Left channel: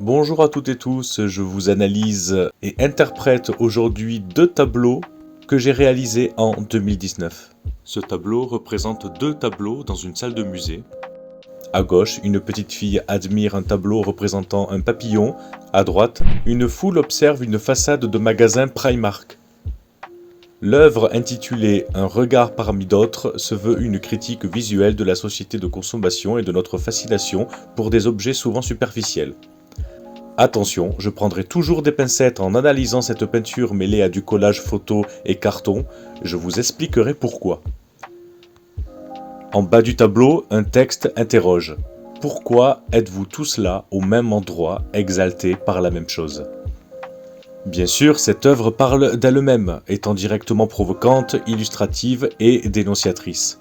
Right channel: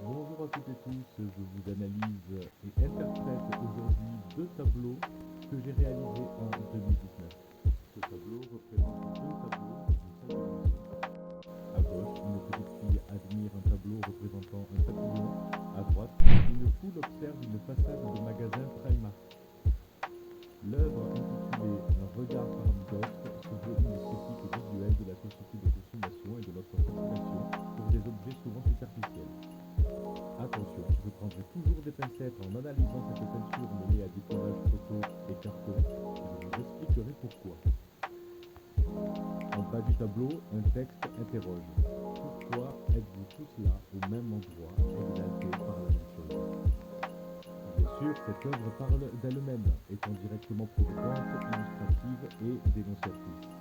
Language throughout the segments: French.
Bonjour à toutes et tous, je vous analyse et interprète aujourd'hui deux tableaux que j'ai réalisés en 2019. Ce tableau représente deux tableaux dans une salle de musée. À gauche, une petite fille admire un tableau représentant un papillon. À droite, une foule observe une façade de magasin Primark. L'œuvre intitulée Un regard parmi d'autres se veut une critique visuelle de la société de consommation et de notre fascination pour des objets souvent superficiels. Attention, je prendrai toujours des pincettes en analysant cette peinture mêlée à du collage photo et carton, je vous expliquerai pourquoi. En bas du tableau, un texte interroge. Pourquoi êtes-vous tous là, au même endroit, exaltés par la même chose ? Bien sûr, cette œuvre parle d'elle-même, étant directement provocante, illustrative et dénonciatrice.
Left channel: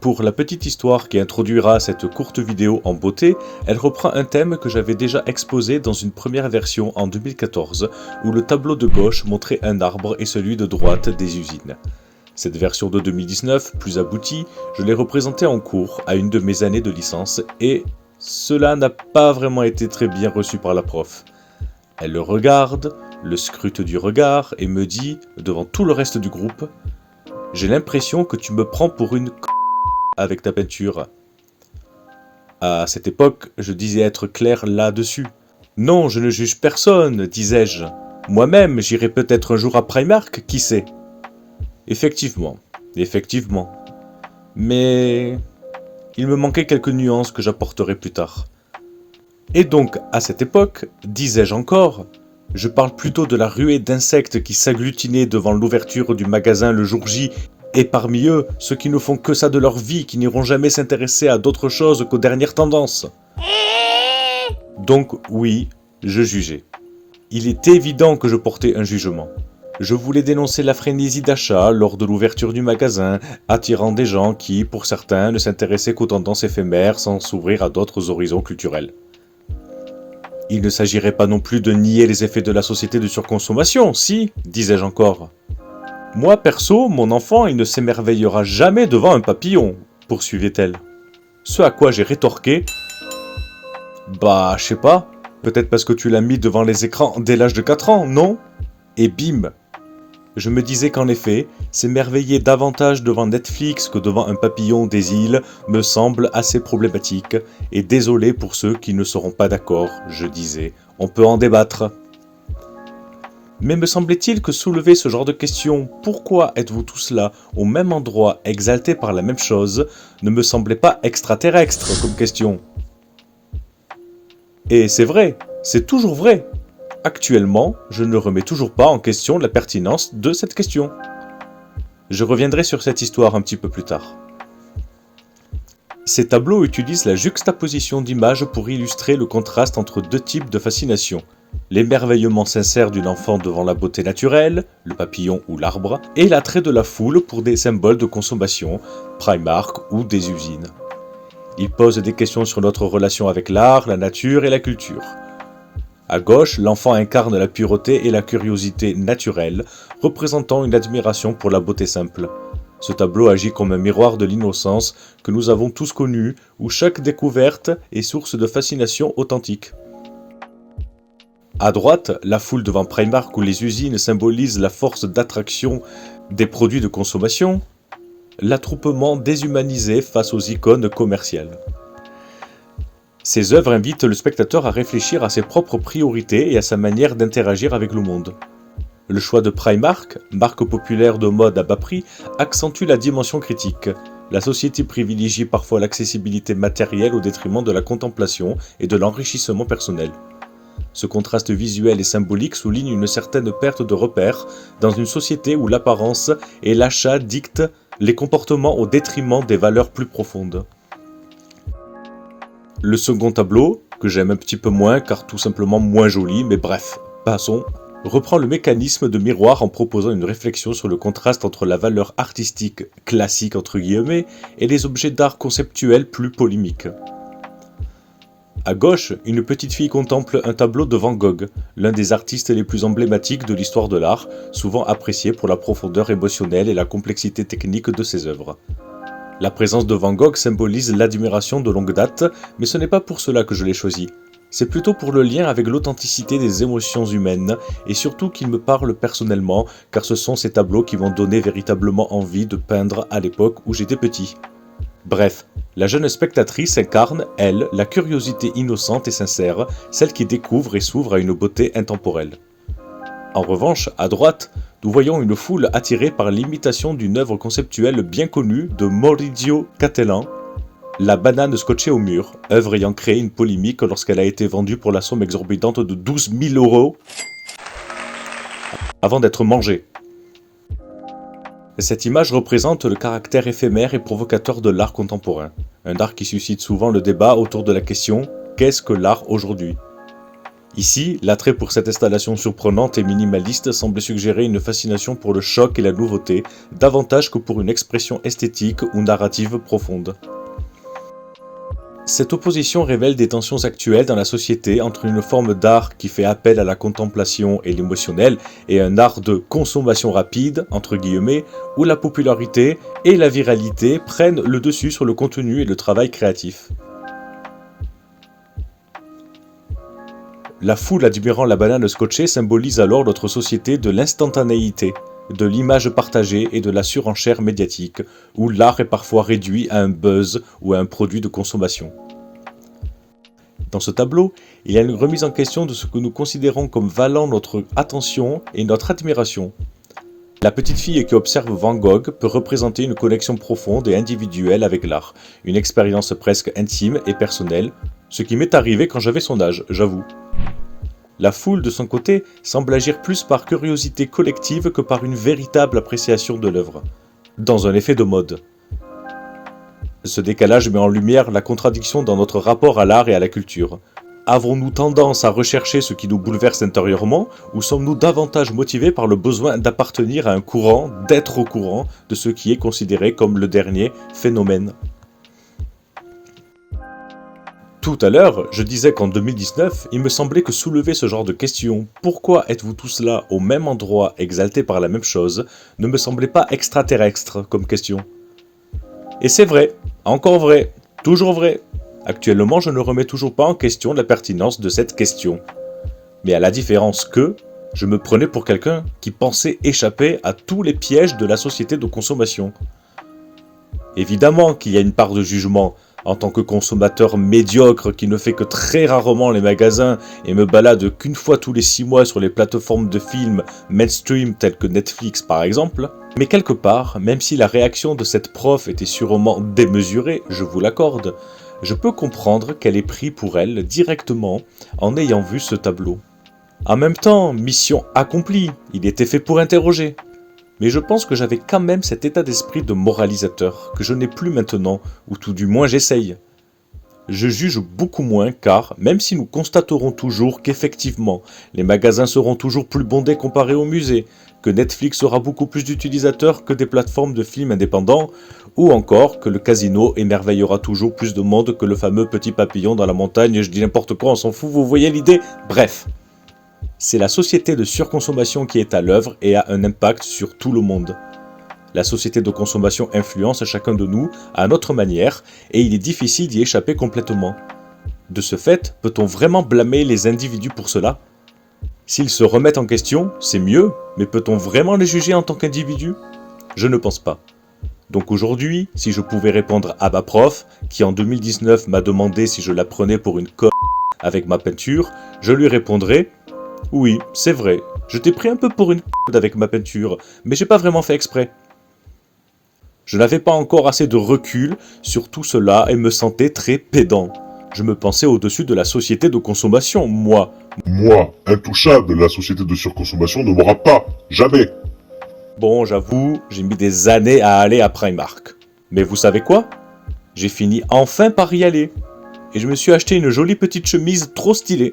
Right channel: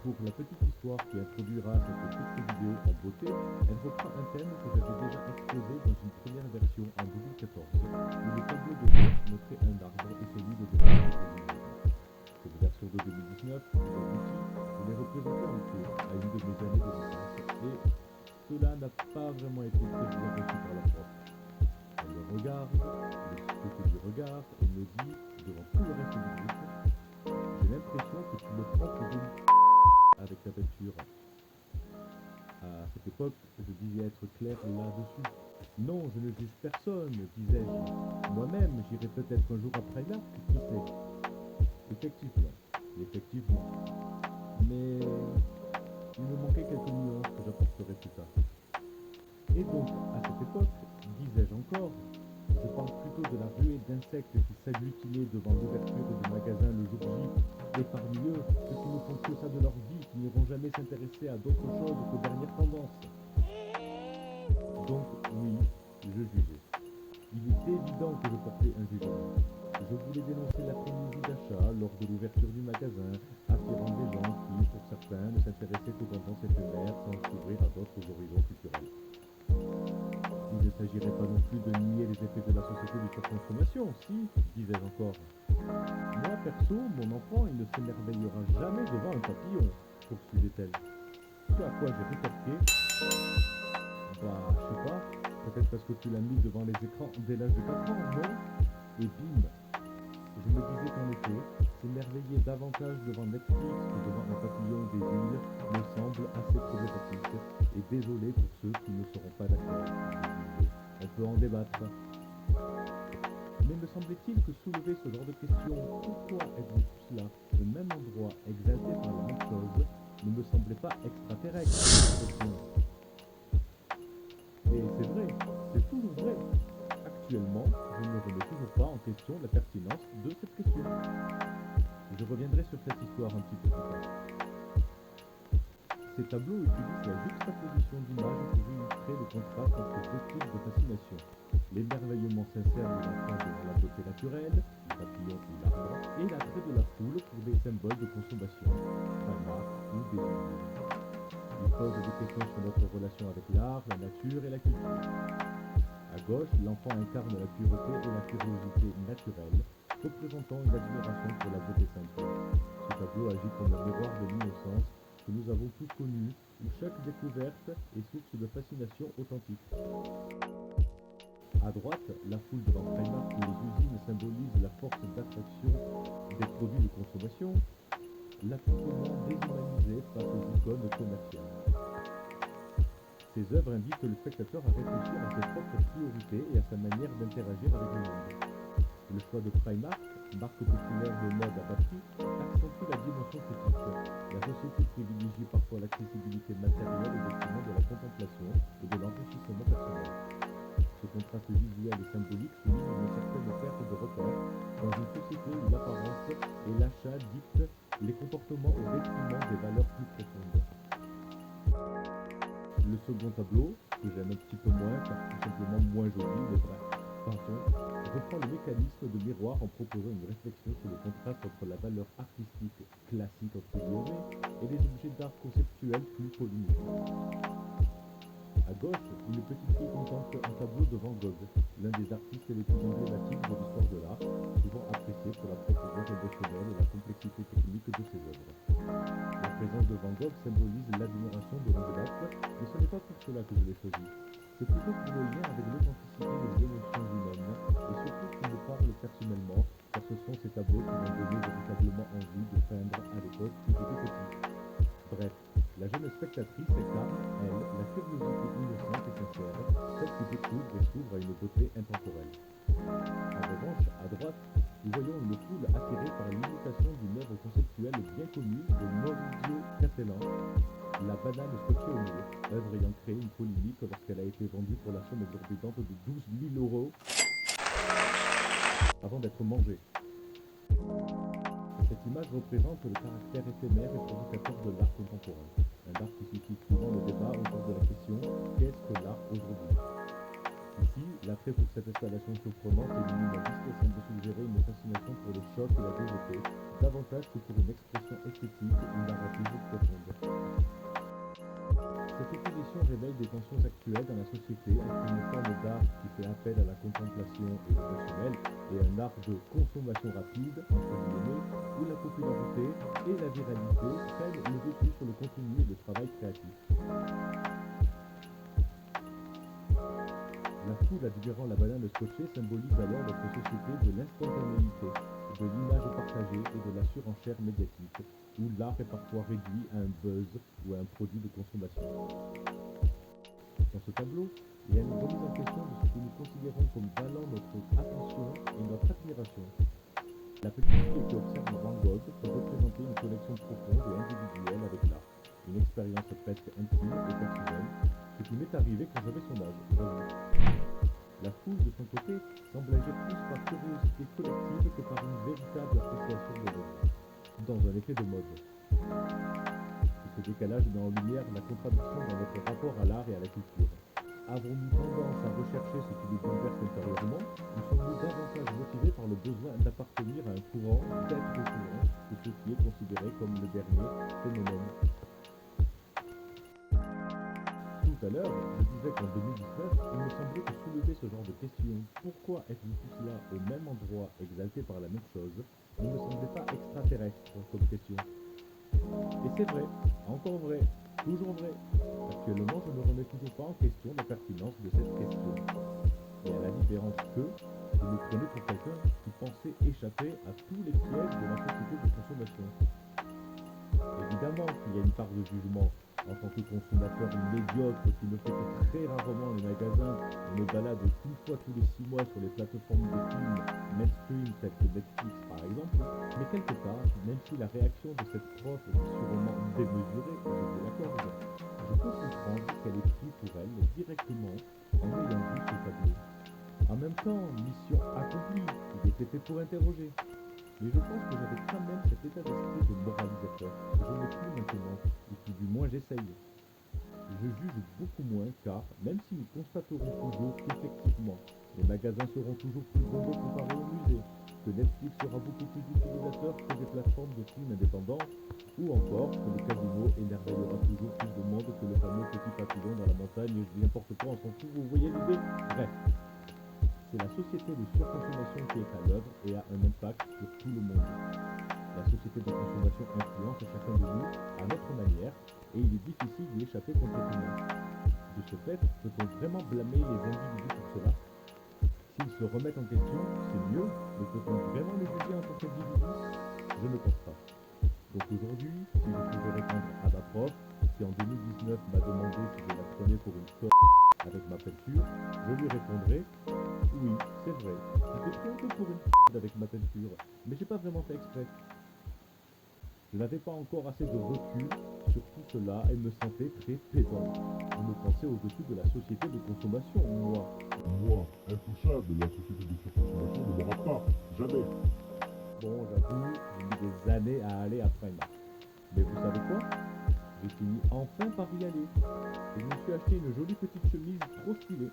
Pour la petite histoire qui introduira cette courte vidéo en beauté, elle reprend un thème que j'avais déjà exposé dans une première version en 2014, où le tableau de gauche montrait un arbre et celui de droite des usines. Cette version de 2019, plus aboutie, je l'ai représentée en cours à une de mes années de licence et cela n'a pas vraiment été très bien reçu par la prof. Elle le regarde, le scrute du regard et me dit, devant tout le reste du groupe, « J'ai l'impression que tu me prends pour une avec ta peinture. » À cette époque, je disais être clair là-dessus. « Non, je ne juge personne, disais-je. Moi-même, j'irai peut-être un jour à Primark, qui sait ?» Effectivement. Mais il me manquait quelques nuances que j'apporterai plus tard. Et donc, à cette époque, disais-je encore, je parle plutôt de la ruée d'insectes qui s'agglutinaient devant l'ouverture du magasin le jour J, et parmi eux, ceux qui ne font que ça de leur vie, qui n'iront jamais s'intéresser à d'autre chose qu'aux dernières tendances. Donc oui, je jugeais. Il est évident que je portais un jugement. Je voulais dénoncer la frénésie d'achat lors de l'ouverture du magasin, attirant des gens qui, pour certains, ne s'intéressaient qu'aux tendances éphémères sans s'ouvrir à d'autres horizons culturels. Il ne s'agirait pas non plus de nier les effets de la société de surconsommation, si, disais-je encore. Moi, perso, mon enfant, il ne s'émerveillera jamais devant un papillon, poursuivait-elle. Ce à quoi j'ai rétorqué, bah, je sais pas, peut-être parce que tu l'as mis devant les écrans dès l'âge de 4 ans, non ? Et bim ! Je me disais qu'en effet, s'émerveiller davantage devant Netflix que devant un papillon des îles me semble assez problématique, et désolé pour ceux qui ne seront pas d'accord, je disais, on peut en débattre. Mais me semblait-il que soulever ce genre de question, pourquoi êtes-vous tous là, au même endroit, exaltés par la même chose, ne me semblait pas extraterrestre comme question. Et c'est vrai, c'est toujours vrai. Actuellement, je ne remets toujours pas en question la pertinence de cette question. Je reviendrai sur cette histoire un petit peu plus tard. Ces tableaux utilisent la juxtaposition d'images pour illustrer le contraste entre deux types de fascination. L'émerveillement sincère d'une enfant devant la beauté naturelle, le papillon ou l'arbre, et l'attrait de la foule pour des symboles de consommation, Primark ou des usines. Ils posent des questions sur notre relation avec l'art, la nature et la culture. À gauche, l'enfant incarne la pureté et la curiosité naturelle, représentant une admiration pour la beauté simple. Ce tableau agit comme un miroir de l'innocence que nous avons tous connu, où chaque découverte est source de fascination authentique. À droite, la foule devant Primark où les usines symbolisent la force d'attraction des produits de consommation, l'attroupement déshumanisé face aux icônes commerciales. Ces œuvres invitent le spectateur à réfléchir à ses propres priorités et à sa manière d'interagir avec le monde. Le choix de Primark, marque populaire de mode à bas prix, accentue la dimension critique. La société privilégie parfois l'accessibilité matérielle au détriment de la contemplation et de l'enrichissement personnel. Ce contraste visuel et symbolique souligne une certaine perte de repères dans une société où l'apparence et l'achat dictent les comportements au détriment des valeurs plus profondes. Le second tableau, que j'aime un petit peu moins car tout simplement moins joli, mais bref, passons, reprend le mécanisme de miroir en proposant une réflexion sur le contraste entre la valeur artistique classique entre guillemets et les objets d'art conceptuels plus polémiques. À gauche, une petite fille contemple un tableau de Van Gogh, l'un des artistes les plus emblématiques de l'histoire de l'art, souvent apprécié pour la profondeur émotionnelle et la complexité technique de ses œuvres. La présence de Van Gogh symbolise l'admiration de longue date, mais ce n'est pas pour cela que je l'ai choisi. C'est plutôt pour le lien avec l'authenticité des émotions humaines et surtout qu'ils me parlent personnellement car ce sont ces tableaux qui m'ont donné véritablement envie de peindre à l'époque où j'étais petit. Bref, la jeune spectatrice incarne, elle, la curiosité innocente et sincère, celle qui découvre et s'ouvre à une beauté intemporelle. En revanche, à droite, nous voyons une foule attirée par l'imitation d'une œuvre conceptuelle bien connue de Maurizio Cattelan, La banane scotchée au mur, œuvre ayant créé une polémique lorsqu'elle a été vendue pour la somme exorbitante de 12 000 € avant d'être mangée. Cette image représente le caractère éphémère et provocateur de l'art contemporain, un art qui suscite souvent le débat autour de la question « Qu'est-ce que l'art aujourd'hui ?» Ici, l'attrait pour cette installation surprenante et minimaliste semble suggérer une fascination pour le choc et la nouveauté, davantage que pour une expression esthétique ou narrative profonde. Cette opposition révèle des tensions actuelles dans la société entre une forme d'art qui fait appel à la contemplation et l'émotionnel et un art de consommation rapide, entre guillemets, où la popularité et la viralité prennent le dessus sur le contenu et le travail créatif. La foule admirant la banane scotchée symbolise alors notre société de l'instantanéité, de l'image partagée et de la surenchère médiatique, où l'art est parfois réduit à un buzz ou à un produit de consommation. Dans ce tableau, il y a une remise en question de ce que nous considérons comme valant notre attention et notre admiration. La petite fille qui observe Van Gogh peut représenter une connexion profonde et individuelle avec l'art, une expérience presque intime et personnelle, ce qui m'est arrivé quand j'avais son âge, j'avoue. La foule, de son côté, semble agir plus par curiosité collective que par une véritable appréciation de l'œuvre, dans un effet de mode. Ce décalage met en lumière la contradiction dans notre rapport à l'art et à la culture. Avons-nous tendance à rechercher ce qui nous bouleverse intérieurement, ou sommes-nous davantage motivés par le besoin d'appartenir à un courant, d'être au courant de ce qui est considéré comme le dernier phénomène ? Tout à l'heure, je disais qu'en 2019, il me semblait que soulever ce genre de questions, pourquoi êtes-vous tous là au même endroit, exaltés par la même chose, ne me semblait pas extraterrestre comme question. Et c'est vrai, encore vrai, toujours vrai. Actuellement, je ne remets toujours pas en question la pertinence de cette question. Mais à la différence que, je me prenais pour quelqu'un qui pensait échapper à tous les pièges de la société de consommation. Évidemment qu'il y a une part de jugement, en tant que consommateur médiocre qui ne fait que très rarement les magasins et me balade qu'une fois tous les 6 mois sur les plateformes de films mainstream telles que Netflix par exemple, mais quelque part, même si la réaction de cette prof était sûrement démesurée, je vous l'accorde, je peux comprendre qu'elle ait pris pour elle directement en ayant vu ce tableau. En même temps, mission accomplie, il était fait pour interroger. Mais je pense que j'avais quand même cet état d'esprit de moralisateur, que je n'ai plus maintenant, ou tout du moins j'essaye. Je juge beaucoup moins car, même si nous constaterons toujours qu'effectivement, les magasins seront toujours plus bondés comparés aux musées, que Netflix aura beaucoup plus d'utilisateurs que des plateformes de films indépendants, ou encore que le casino émerveillera toujours plus de monde que le fameux petit papillon dans la montagne, je dis n'importe quoi, on s'en fout, vous voyez l'idée ? Bref. C'est la société de surconsommation qui est à l'œuvre et a un impact sur tout le monde. La société de consommation influence chacun de nous à notre manière et il est difficile d'y échapper complètement. De ce fait, peut-on vraiment blâmer les individus pour cela ? S'ils se remettent en question, c'est mieux, mais peut-on vraiment les juger en tant qu'individus ? Je ne pense pas. Donc aujourd'hui, si je pouvais répondre à ma prof, qui en 2019 m'a demandé si je la prenais pour une conne avec ma peinture, je lui répondrais « Oui, c'est vrai, je t'ai pris un peu pour une conne avec ma peinture, mais j'ai pas vraiment fait exprès. » Je n'avais pas encore assez de recul sur tout cela et me sentais très pédant. Je me pensais au-dessus de la société de consommation, moi. Moi, intouchable, la société de surconsommation ne m'aura pas, jamais. Bon, j'avoue, j'ai mis des années à aller à Primark. Mais vous savez quoi ? J'ai fini enfin par y aller. Et je me suis acheté une jolie petite chemise trop stylée.